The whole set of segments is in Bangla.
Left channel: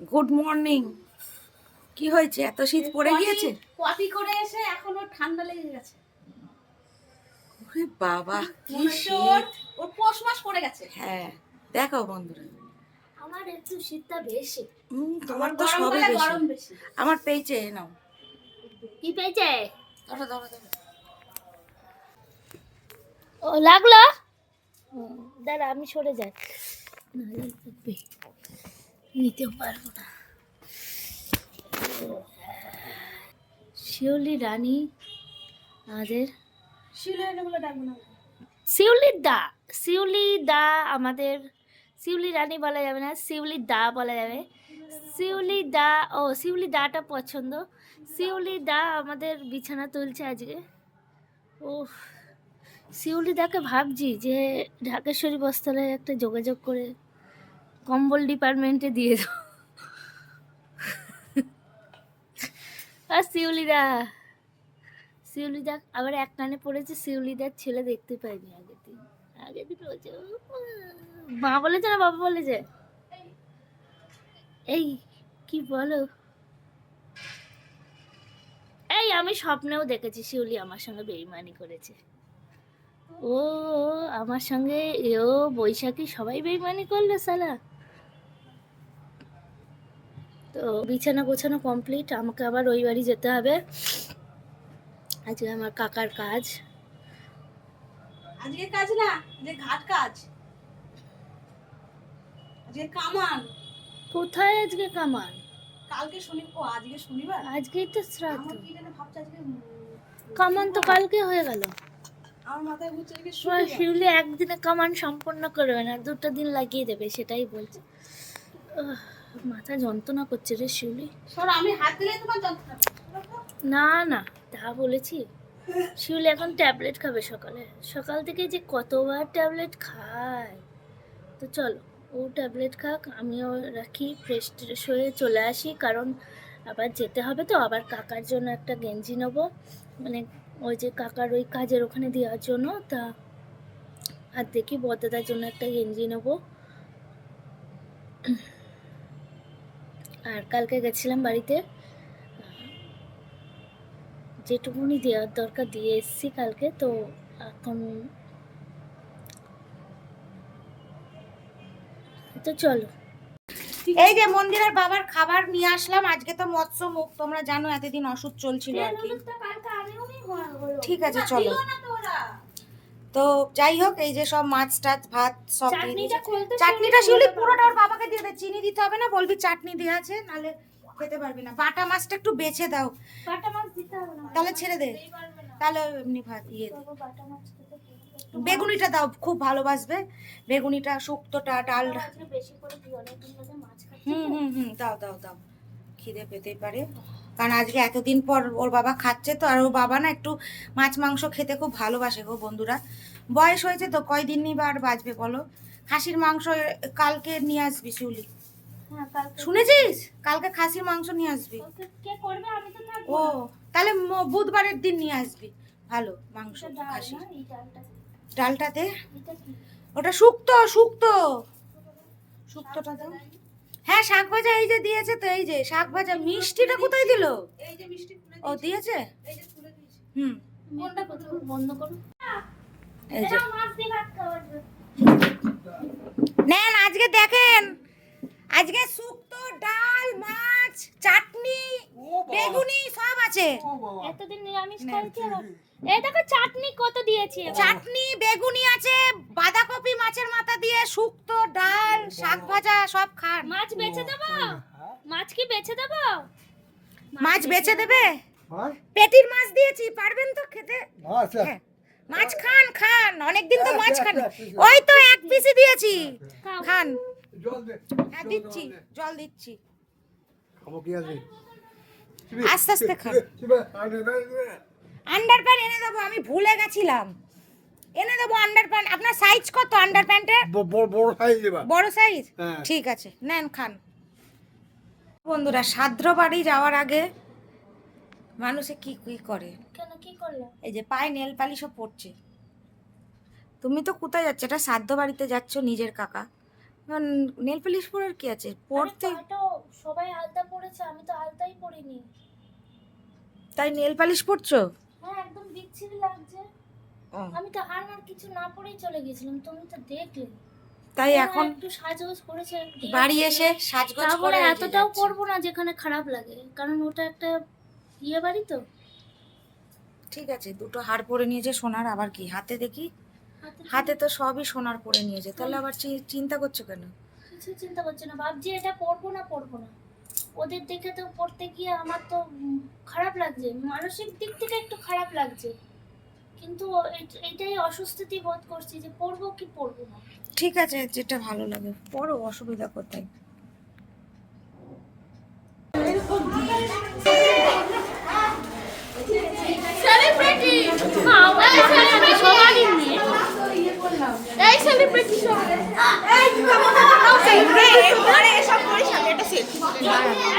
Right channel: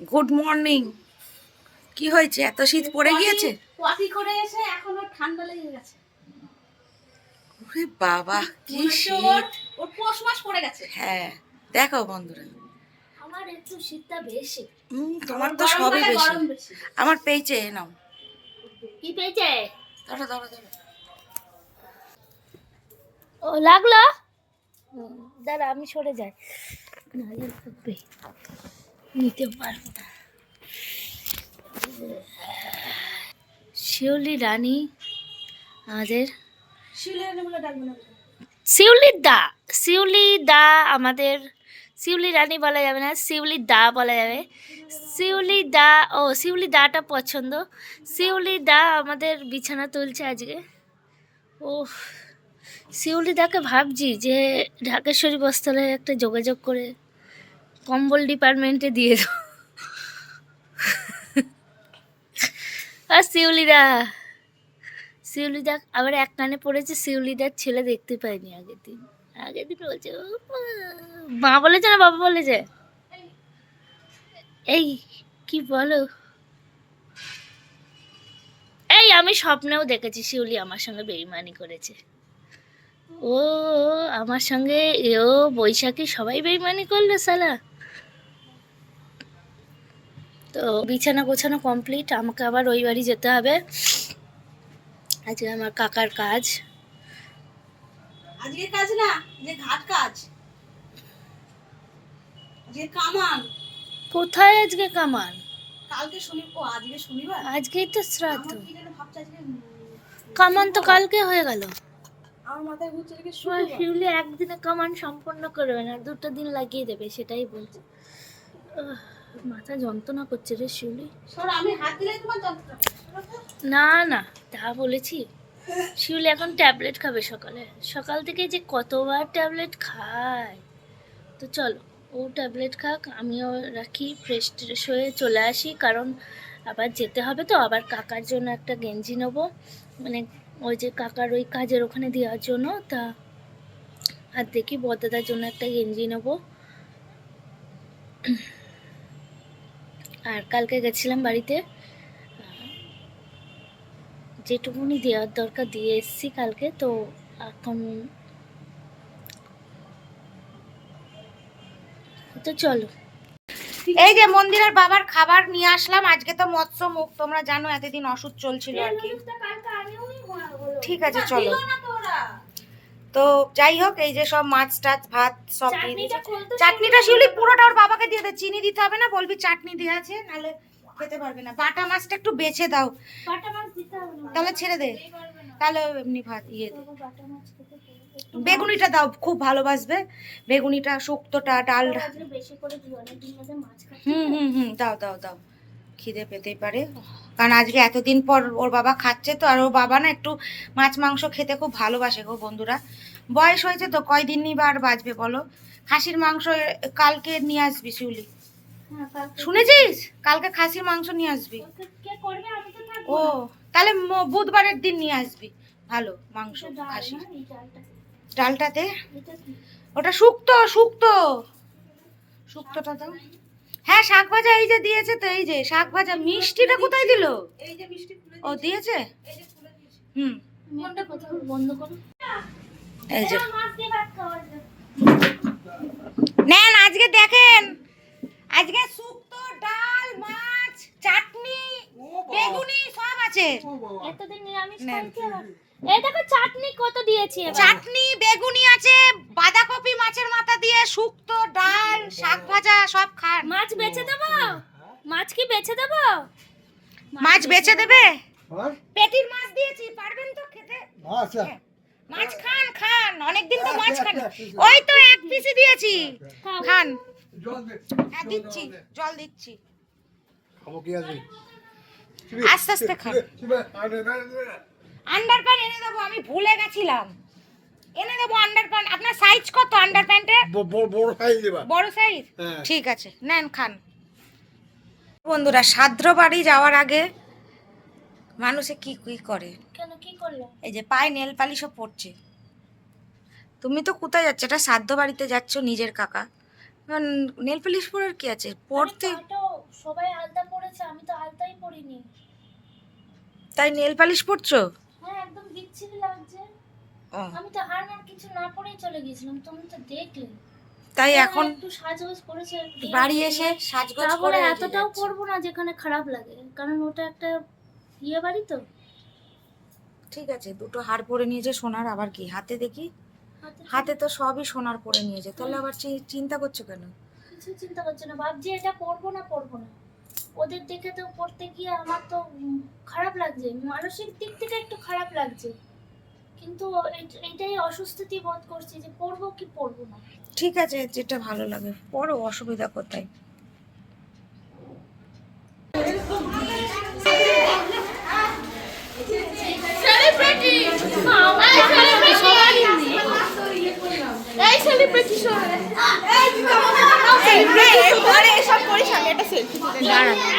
গুড মর্নিং কি হয়েছে? এত শীত পড়ে গিয়েছে? পটি করে এসে এখনও ঠান্ডা লেগে গেছে। ওরে বাবা কি শীত। ও পৌষ মাস পড়ে গেছে। হ্যাঁ দেখো বন্ধুরা। আমার একটু শীতটা বেশি। হুম তোমার তো সবই বেশি। আমার পেয়েছে এ নাও। কি পেয়েছে? ধরো ধরো ধরো। ও লাগল? দাঁড়া আমি সরে যাই। নাহলে লাগবে। নিতে পারব না। শিউলি রানী আমাদের শিউলির দা শিউলি দা আমাদের শিউলি রানী বলা যাবে না শিউলি দা বলা যাবে। শিউলি দা ও শিউলি দাটা পছন্দ। শিউলি দা আমাদের বিছানা তুলছে আজকে। ও শিউলি দাকে ভাবছি যে ঢাকেশ্বরী বস্ত্রালয়ে একটা যোগাযোগ করে কম্বল ডিপার্টমেন্টে দিয়ে দাও। আর শিউলিদা শিউলিদা, আবার এক কানে পড়েছে, শিউলিদার ছেলে দেখতে পাইনি আগের দিন। আগের দিন বলছে। মা বলেছে না বাবা বলেছে? এই, কি বলো? এই, আমি স্বপ্নেও দেখেছি শিউলি আমার সঙ্গে বেইমানি করেছে। ও, আমার সঙ্গে, ও বৈশাখী সবাই বেইমানি করল সালা তো বিছানা গোছানো কমপ্লিট আমাকে আবার ওই বাড়ি যেতে হবে। আজকে আমার কাকার কাজ। আজকে কাজ না যে ঘাট কাজ। যে কামান। কোথায় আজকে কামান? কালকে শনি ও আজকে শনিবার? আজকেই তো শ্রাদ্ধ। কামান তো কালকে হয়ে গেল। শিউলি একদিনে কামান সম্পন্ন করবে না দুটো দিন লাগিয়ে দেবে সেটাই বলছে। মাথা যন্ত্রণা করছে রে শিউলি। সর আমি হাত দিলে তোমার যন্ত্রণা। না না তা বলেছি। শিউলি এখন ট্যাবলেট খাবে সকালে। সকাল থেকে যে কতবার ট্যাবলেট খায়। তো চলো ও ট্যাবলেট খাক আমিও রাখি ফ্রেশ ট্রেশ হয়ে চলে আসি কারণ আবার যেতে হবে তো আবার কাকার জন্য একটা গেঞ্জি নেব। মানে ওই যে কাকার ওই কাজের ওখানে দেওয়ার জন্য তা আর দেখি বদাদার জন্য একটা গেঞ্জি নেব। আর কালকে গেছিলাম বাড়িতে। যেটুকুনি দেওয়ার দরকার দিয়ে এসেছি কালকে তো এখন তো চলো। এই যে মন্দিরের বাবার খাবার নিয়ে আসলাম আজকে তো মৎস্য মুখ তোমরা জানো এতদিন ওষুধ চলছিল আর কি। ঠিক আছে চলো। তো যাই হোক এই যে সব মাছ টাছ ভাত সব চাটনিটা শিউলি পুরোটা ওর বাবাকে দিয়ে দে। চিনি দিতে হবে না বলবি চাটনি দিয়ে আছে নালে খেতে পারবি না। বাটা মাছটা একটু বেছে দাও। তাহলে ছেড়ে দে। তাহলে এমনি ভাত ইয়ে দে। বেগুনিটা দাও খুব ভালোবাসবে। বেগুনিটা শুক্তোটা ডালটা খাচ্ছি হুম হুম হুম দাও দাও দাও। খিদে পেতেই পারে। কারণ আজকে এতদিন পর ওর বাবা খাচ্ছে তো আর ওর বাবা না একটু মাছ মাংস খেতে খুব ভালোবাসে গো বন্ধুরা। বয়স হয়েছে তো কয়দিনই বা আর বাঁচবে বলো? খাসির মাংস কালকে নিয়ে আসবি শিউলি। হ্যাঁ শুনেছিস? কালকে খাসির মাংস নিয়ে আসবি। ও তাহলে বুধবারের দিন নিয়ে আসবি। ভালো মাংস খাসি ডালটাতে? ওটা শুক্তো শুক্তো। শুক্তোটা দাও। হ্যাঁ শাক ভাজা এই যে দিয়েছে তো এই যে শাক ভাজা মিষ্টিটা কোথায় দিলো? এই যে মিষ্টি ও দিয়েছে। এই যে হুম। কোনটা কোথাও বন্ধ করো? এই যে। নেন আজকে দেখেন। আজকে শুক্তো ডাল মাছ চাটনি বেগুনি সব আছে। এতদিন নিরামিষ নেন। এই দেখো চাটনি কত দিয়েছি চাটনি বেগুনি আছে বাঁধাকপি শুক্তো ডাল শাক ভাজা সব খান। মাছ বেছে দেবো? মাছ কি বেছে দেবো? মাছ বেচে দেবে? পেটির মাছ দিয়েছি পারবেন তো খেতে? আচ্ছা হ্যাঁ। মাছ খান খান। অনেকদিন তো মাছ খান। ওই তো এক পিসি দিয়েছি। খান। জল হ্যাঁ দিচ্ছি। জল দিচ্ছি। খাব কি আছে? আস্তে আস্তে খান। আন্ডার প্যান্ট এনে দেবো আমি ভুলে গেছিলাম। এনে দেবো আন্ডার প্যান্ট আপনার সাইজ কত আন্ডার প্যান্টের বড় সাইজ বড় সাইজ হ্যাঁ। ঠিক আছে নেন খান। বন্ধুরা সাদ্র বাড়ি যাওয়ার আগে মানুষে কি কি করে? কেন কি করলাম এই যে পায়ে নেল পালিশও পড়ছে। তুমি তো কোথায় যাচ্ছ? এটা সাধ্য বাড়িতে যাচ্ছ নিজের কাকা। নেল পালিশ পরার কি আছে? পড়তে সবাই আলতা পরেছে আমি তো আলতাই পরিনি। তাই নেল পালিশ পরছো হ্যাঁ একদম বিচ্ছিরি লাগছে। আমি তো আর না কিছু না পরেই চলে গেছিলাম তুমি তো দেখলে। তাই এখন একটু সাজগোজ করেছে বাড়ি এসে সাজগোজ করে এতটাও। করব না যেখানে খারাপ লাগে কারণ ওটা একটা ইয়ে বাড়ি তো। ঠিক আছে দুটো হার পরে নিয়েছে সোনার আবার কি? হাতে দেখি? হাতে তো সবই সোনার পরে নিয়েছে তাহলে আবার চিন্তা করছ কেন? কিছু চিন্তা করছ না ভাবছি এটা করব না করব না। ওদের দেখে তো পড়তে গিয়ে আমার তো খারাপ লাগছে মানসিক দিক থেকে একটু খারাপ লাগছে। কিন্তু এই- এইটাই অসুস্থতি বোধ করছি যে পড়ব কি পড়ব না। ঠিক আছে যেটা ভালো লাগে। পড়ো অসুবিধা কোথায়? সবারই নেই আর আমার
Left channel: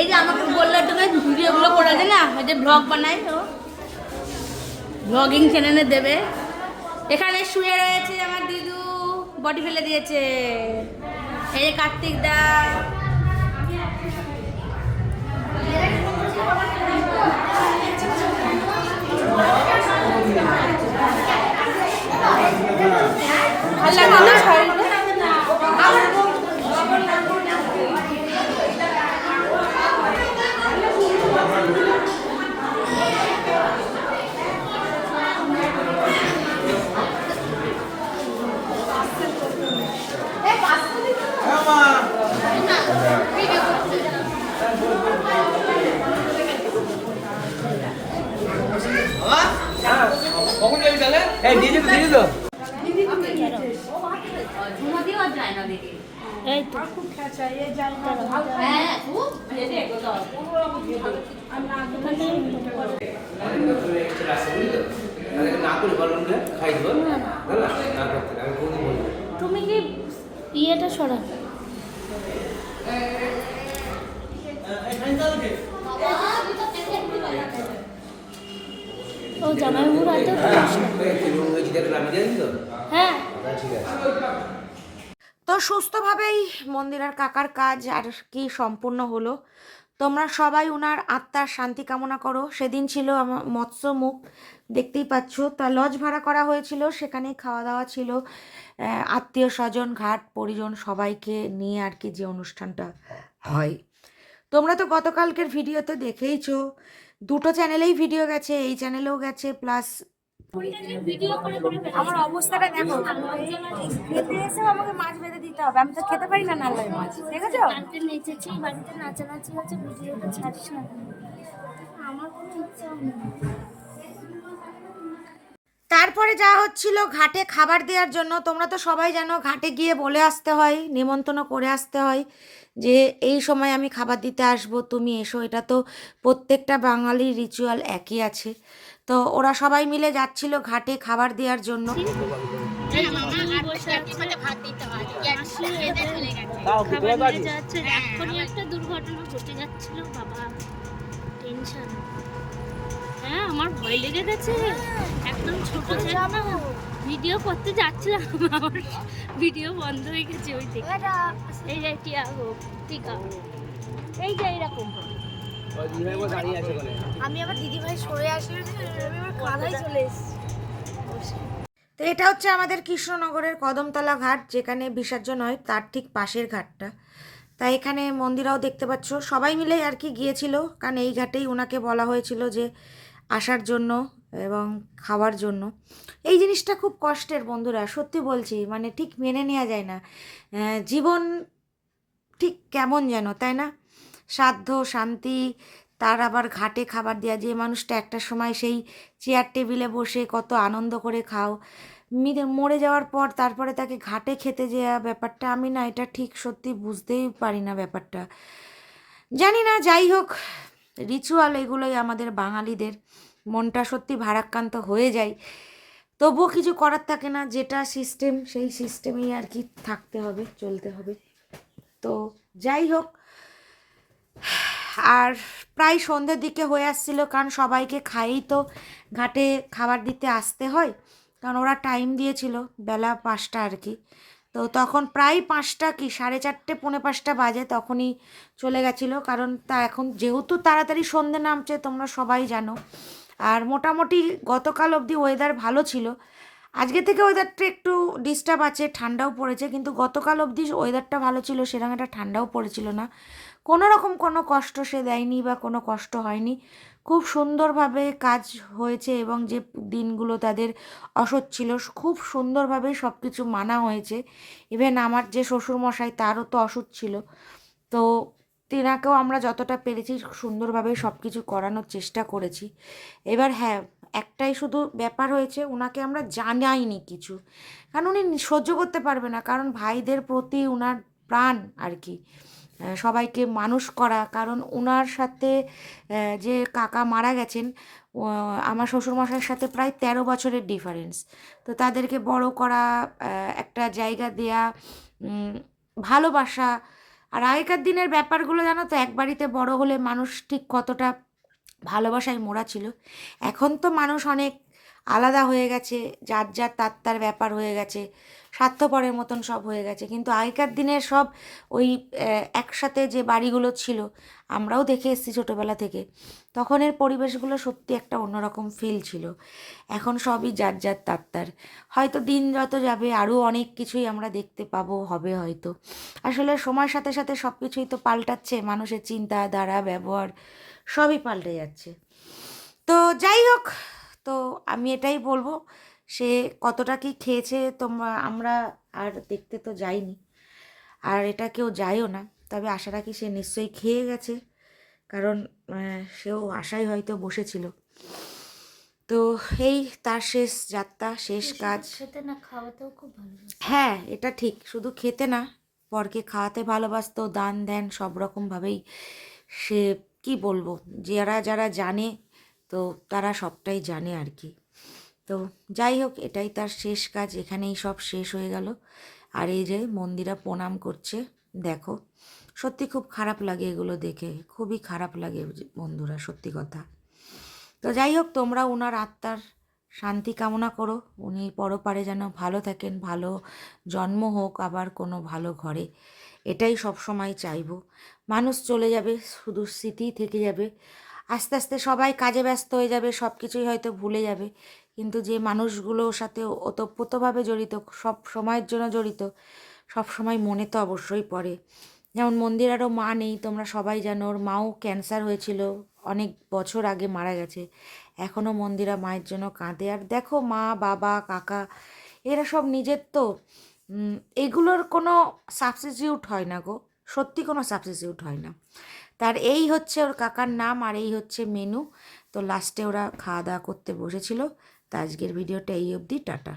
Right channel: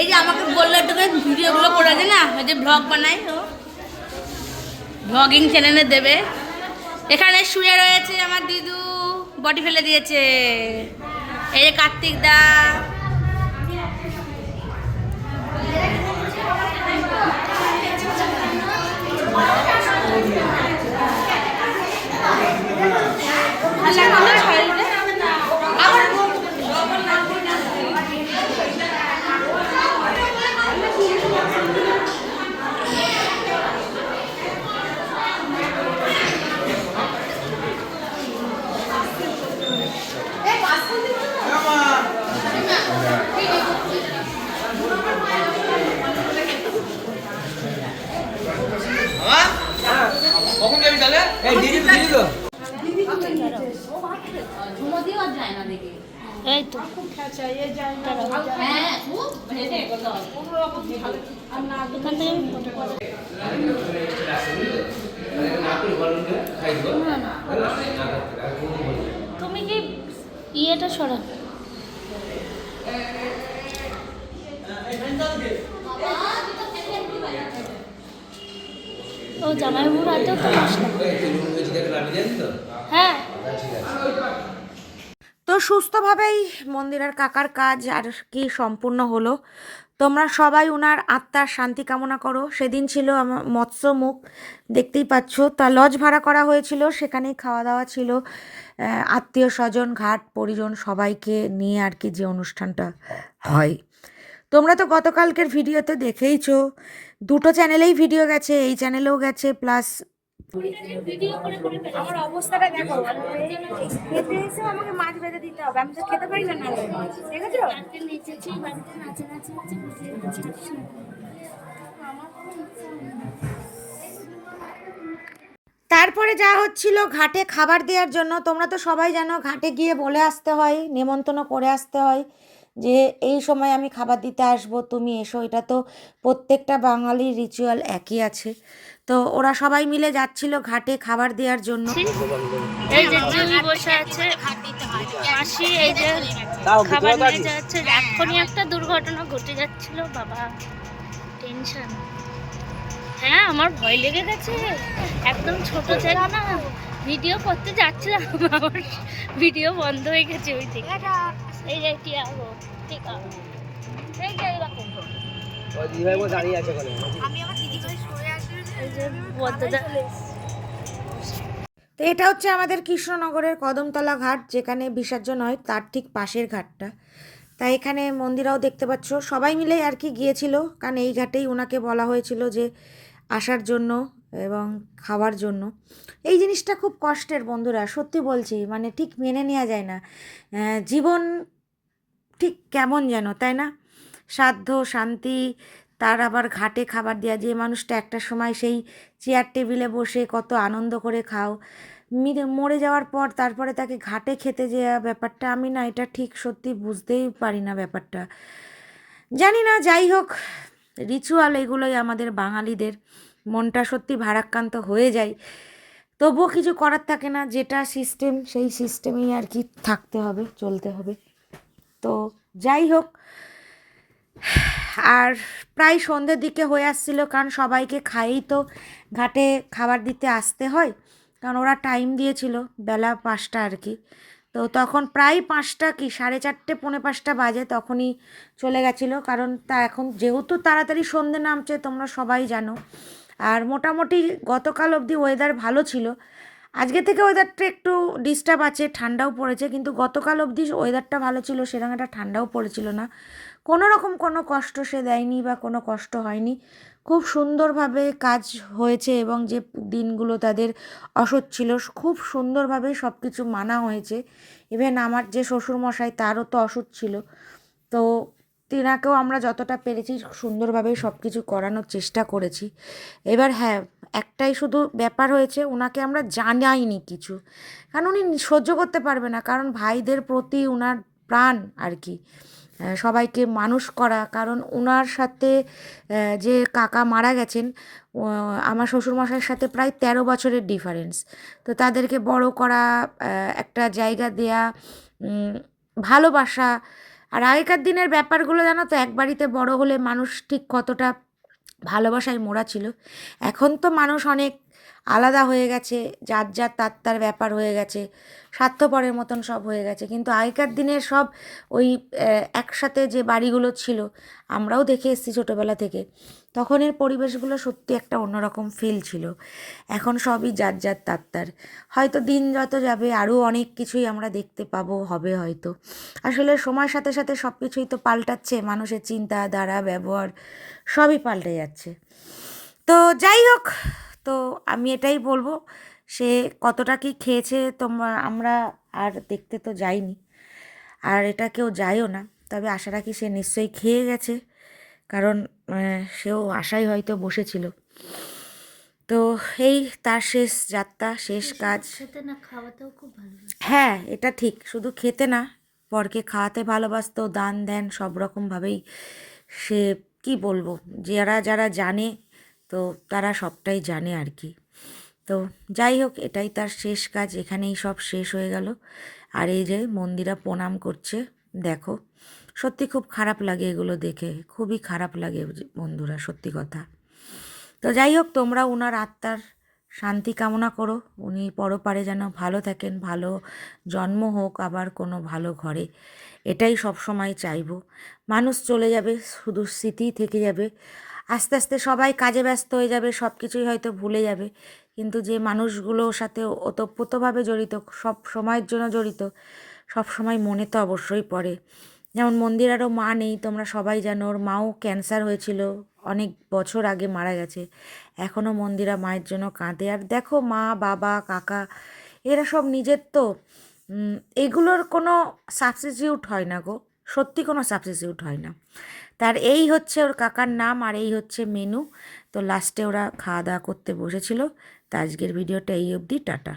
এই যে আমাকে বলল তোকে ভিডিওগুলো করে দে না ওই যে ব্লগ বানাই ও। ব্লগিং চ্যানেলে দেবে। এখানে শুয়ে রয়েছে আমার দিদু বডি ফেলে দিয়েছে। এই যে কার্তিক দা। কখন না না তুমি কি ইয়েটা সরা ও জামাইবাবুর হাতেও তো মশলা তো হ্যাঁ তো সুস্থভাবেই মন্দিরের কাকার কাজ আর কি সম্পূর্ণ হলো। তোমরা সবাই ওনার আত্মার শান্তি কামনা করো। সেদিন ছিল আমার মৎস্য মুখ দেখতেই পাচ্ছ। তা লজ ভাড়া করা হয়েছিল, সেখানেই খাওয়া দাওয়া ছিল আত্মীয় স্বজন, ঘাট পরিজন সবাইকে নিয়ে আর কি যে অনুষ্ঠানটা হয়। তোমরা তো গতকালকের ভিডিওতে দেখেইছো। দুটো চ্যানেলেই ভিডিও গেছে, এই চ্যানেলেও গেছে, প্লাস আমার অবস্থাটা দেখো খেতে এসেও আমাকে মাছ বেঁধে দিতে হবে আমি তো খেতে পারি না নাল্লাই মাছ দেখেছ? নেচেছি বাড়িতে নাচানাচি হচ্ছে ভিডিওটা ছাড়িস আমার কোনো ইচ্ছা তারপরে যা হচ্ছিল ঘাটে খাবার দেওয়ার জন্য তোমরা তো সবাই জানো ঘাটে গিয়ে বলে আসতে হয় নেমন্তন্ন করে আসতে হয়। যে, এই সময় আমি খাবার দিতে আসব, তুমি এসো। এটা তো প্রত্যেকটা বাঙালির রিচুয়াল একই আছে। তো ওরা সবাই মিলে যাচ্ছিল ঘাটে খাবার দেওয়ার জন্য। এই যে বসে আছে, মাসি এই যে খাবার নিয়ে যাচ্ছে। এখনই একটা দুর্ঘটনা ঘটে যাচ্ছিল, বাবা। টেনশন। হ্যাঁ আমার ভয় লেগে গেছে। একদম ছোট জায়গা না। ভিডিও করতে যাচ্ছিলাম, আমার ভিডিও বন্ধ হয়ে গেছে ওই থেকে এই যে টিয়াগো ঠিক আছে এই যে এরকম আমি আবার দিদিভাই সরে আসি তো এটা হচ্ছে আমাদের কৃষ্ণনগরের কদমতলা ঘাট যেখানে বিসর্জন হয় তার ঠিক পাশের ঘাটটা। তাই এখানে মন্দিরাও দেখতে পাচ্ছ। সবাই মিলেই আর কি গিয়েছিল কারণ এই ঘাটেই ওনাকে বলা হয়েছিল যে আসার জন্য এবং খাওয়ার জন্য। এই জিনিসটা খুব কষ্টের বন্ধুরা সত্যি বলছি মানে ঠিক মেনে নেওয়া যায় না। জীবন ঠিক কেমন যেন, তাই না? সাধ্য, শান্তি, তার আবার ঘাটে খাবার দেওয়া যে মানুষটা একটা সময় সেই চেয়ার টেবিলে বসে কত আনন্দ করে খাও। মিরে- মরে যাওয়ার পর তারপরে তাকে ঘাটে খেতে যাওয়া ব্যাপারটা, আমি না এটা ঠিক সত্যি বুঝতেই পারি না ব্যাপারটা। জানি না, যাই হোক রিচুয়াল এগুলোই আমাদের বাঙালিদের। মনটা সত্যি ভারাক্রান্ত হয়ে যায়। তবুও কিছু করার থাকে না, যেটা সিস্টেম সেই সিস্টেমেই আর কি থাকতে হবে, চলতে হবে। তো যাই হোক, আর প্রায় সন্ধ্যের দিকে হয়ে আসছিল কারণ সবাইকে খাইয়েই তো ঘাটে খাবার দিতে আসতে হয়, কারণ ওরা টাইম দিয়েছিল বেলা পাঁচটা আর কি। তো তখন প্রায় পাঁচটা কি, সাড়ে চারটে, পৌনে পাঁচটা বাজে তখনই চলে গেছিল, কারণ তা এখন যেহেতু তাড়াতাড়ি সন্ধে নামছে, তোমরা সবাই জানো। আর মোটামুটি গতকাল অবধি ওয়েদার ভালো ছিল আজকে থেকে ওয়েদারটা একটু ডিস্টার্ব আছে, ঠান্ডাও পড়েছে, কিন্তু গতকাল অবধি ওয়েদারটা ভালো ছিল, সেরকম একটা ঠান্ডাও পড়েছিল না। কোনো রকম কোনো কষ্ট সে দেয়নি বা কোনো কষ্ট হয়নি। খুব সুন্দরভাবে কাজ হয়েছে এবং যে দিনগুলো তাদের অসৎ ছিল, খুব সুন্দরভাবে সব কিছু মানা হয়েছে। ইভেন আমার যে শ্বশুরমশাই, তারও তো অসুখ ছিল। তো তেনাকেও আমরা যতটা পেরেছি, সুন্দরভাবেই সব কিছু করানোর চেষ্টা করেছি। এবার হ্যাঁ একটাই শুধু ব্যাপার হয়েছে ওনাকে আমরা জানাইনি কিছু। কারণ উনি সহ্য করতে পারবে না, কারণ ভাইদের প্রতি ওনার প্রাণ আর কি। সবাইকে মানুষ করা, কারণ ওনার সাথে যে কাকা মারা গেছেন আমার শ্বশুরমশাইয়ের সাথে প্রায় তেরো বছরের ডিফারেন্স তো তাদেরকে বড় করা একটা জায়গা দেয়া ভালোবাসা। আর আগেকার দিনের ব্যাপারগুলো জানো তো, এক বাড়িতে বড় হলে মানুষ ঠিক কতটা ভালোবাসায় মোড়া ছিল। এখন তো মানুষ অনেক আলাদা হয়ে গেছে, যার যার তার তার ব্যাপার হয়ে গেছে। স্বার্থপরের মতন সব হয়ে গেছে। কিন্তু আগেকার দিনের সব ওই একসাথে যে বাড়িগুলো ছিল, আমরাও দেখে এসেছি ছোটোবেলা থেকে। তখনের পরিবেশগুলো সত্যি একটা অন্যরকম ফিল ছিল। এখন সবই যার যার তার তার। হয়তো দিন যত যাবে আরও অনেক কিছুই আমরা দেখতে পাবো, হবে হয়তো। আসলে সময়ের সাথে সাথে সব কিছুই তো পাল্টাচ্ছে, মানুষের চিন্তা, ধারা, ব্যবহার, সবই পাল্টে যাচ্ছে। তো যাই হোক, তো আমি এটাই বলব সে কতটা কি খেয়েছে তোমরা আমরা আর দেখতে তো যাইনি। আর এটা কেউ যায়ও না তবে আশা রাখি সে নিশ্চয়ই খেয়ে গেছে কারণ সেও আশাই হয়তো বসেছিল। তো এই তার শেষ যাত্রা শেষ কাজ। খেতে না খাওয়াতেও খুব ভালো হ্যাঁ এটা ঠিক শুধু খেতে না পরকে খাওয়াতে ভালোবাসতো দান দেন সব রকমভাবেই সে কি বলব যারা যারা জানে তো তারা সবটাই জানে আর কি। তো যাই হোক, এটাই তার শেষ কাজ, এখানেই সব শেষ হয়ে গেল। আর এই যে মন্দিরা প্রণাম করছে, দেখো, সত্যি খুব খারাপ লাগে এগুলো দেখে, খুবই খারাপ লাগে বন্ধুরা, সত্যি কথা। তো যাই হোক, তোমরা ওনার আত্মার শান্তি কামনা করো, উনি পরপারে যেন ভালো থাকেন, ভালো জন্ম হোক, আবার কোনো ভালো ঘরে। এটাই সব সময় চাইব। মানুষ চলে যাবে, শুধু স্মৃতিই থেকে যাবে। আস্তে আস্তে সবাই কাজে ব্যস্ত হয়ে যাবে সব কিছুই হয়তো ভুলে যাবে। কিন্তু যে মানুষগুলোর সাথে ওতপ্রোতভাবে জড়িত, সব সময়ের জন্য জড়িত, সব সময় মনে তো অবশ্যই পড়ে। যেমন মন্দিরারও মা নেই, তোমরা সবাই জানো, ওর মাও ক্যান্সার হয়েছিল, অনেক বছর আগে মারা গেছে। এখনও মন্দিরা মায়ের জন্য কাঁদে। আর দেখো মা, বাবা, কাকা, এরা সব নিজের তো। এগুলোর কোনো সাবস্টিটিউট হয় না গো, সত্যি কোনো সাবস্টিটিউট হয় না। তার এই হচ্ছে ওর কাকার নাম আর এই হচ্ছে মেনু। তো লাস্টে ওরা খাওয়া দাওয়া করতে বসেছিল। তা আজকের ভিডিওটা এই অবধি টাটা।